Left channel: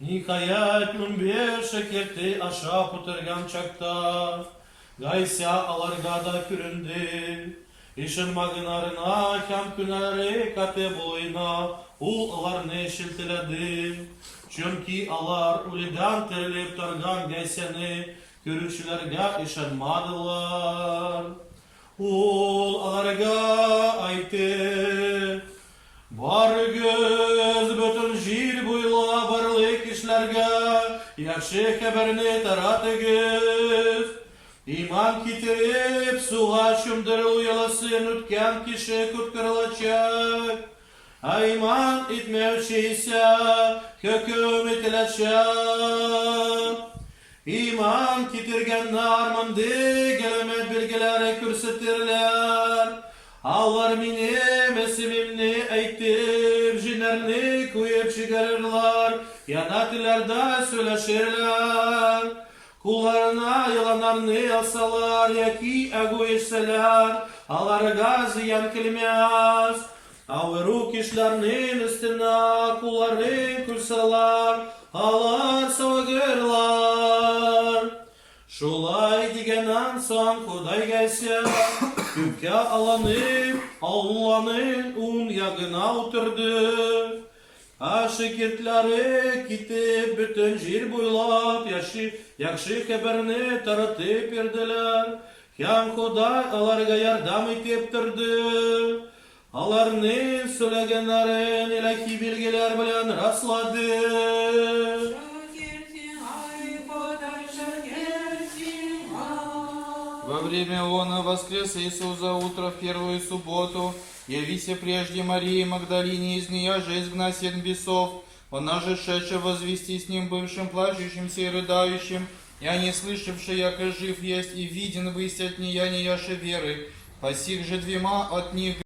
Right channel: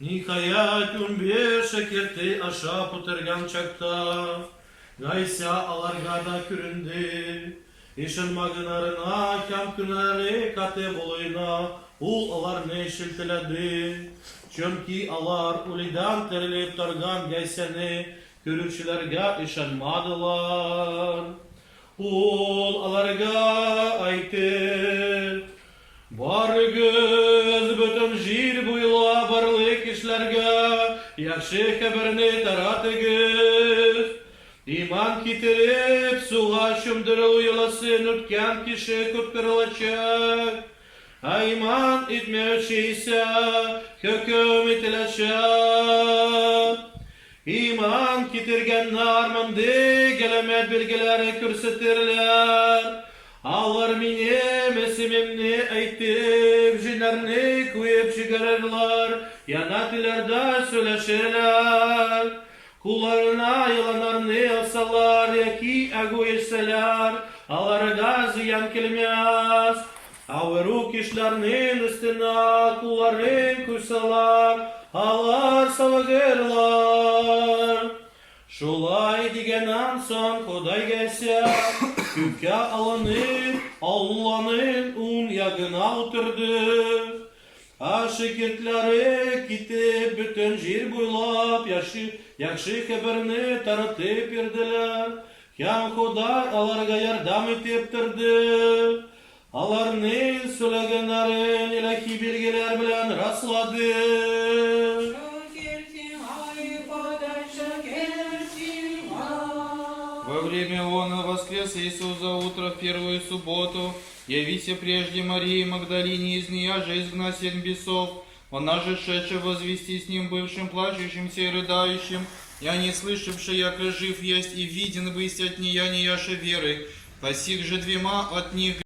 Никаят умбеше керти аша путерган чакta. Gaysa alargada küründü. İşin magınarına kam küneri kate boyuna ul alarını şiltiledi. Çünkü alar ulidan terilip targan gayseni görüşlerge işenmadılar. Ул аларга айтты, бар göz bötен жир буйла барлы кишләргә яхшы хәбәрне таратыгыз. Иман китереп суга чумдыру яласын үткән кеше коткарылачак. Иман итмәүче исә хөкем ителәчәк. İman kitirgenler mındı gelemet bilgileri kürsütürler. Allar minim esimimni eytip jinerini kuyup çıkarırlar. Yanatilarda söyleşirler. Kullarına yılanlarını alsalar yaki egoistler. Allarga ziyan kilmez. Avru kişlerinin üstüne kulların kursalar. Alar savagırlar. Şulay digenan son Huday gelse Küpke Allah'ın un yagına oturdu. Şekirtleri gitip bütün jir buylap yakşı haberini tanıtıp verdiler. Yan Huday alarga yardım etip durdu. Alarının söylegenlerin ilahi bilgiler bilen rastladı. Во время он воскрес Иисус за утро в первую субботу, явися прежде Марии Магдалине, из нея же изгнать 7 бесов. Она же шедшая возвести с ним бывшим плачущимся и рыдающим, я не слышавший, яко жив есть и виден бысть от нея неяше веры. По сих же двема от них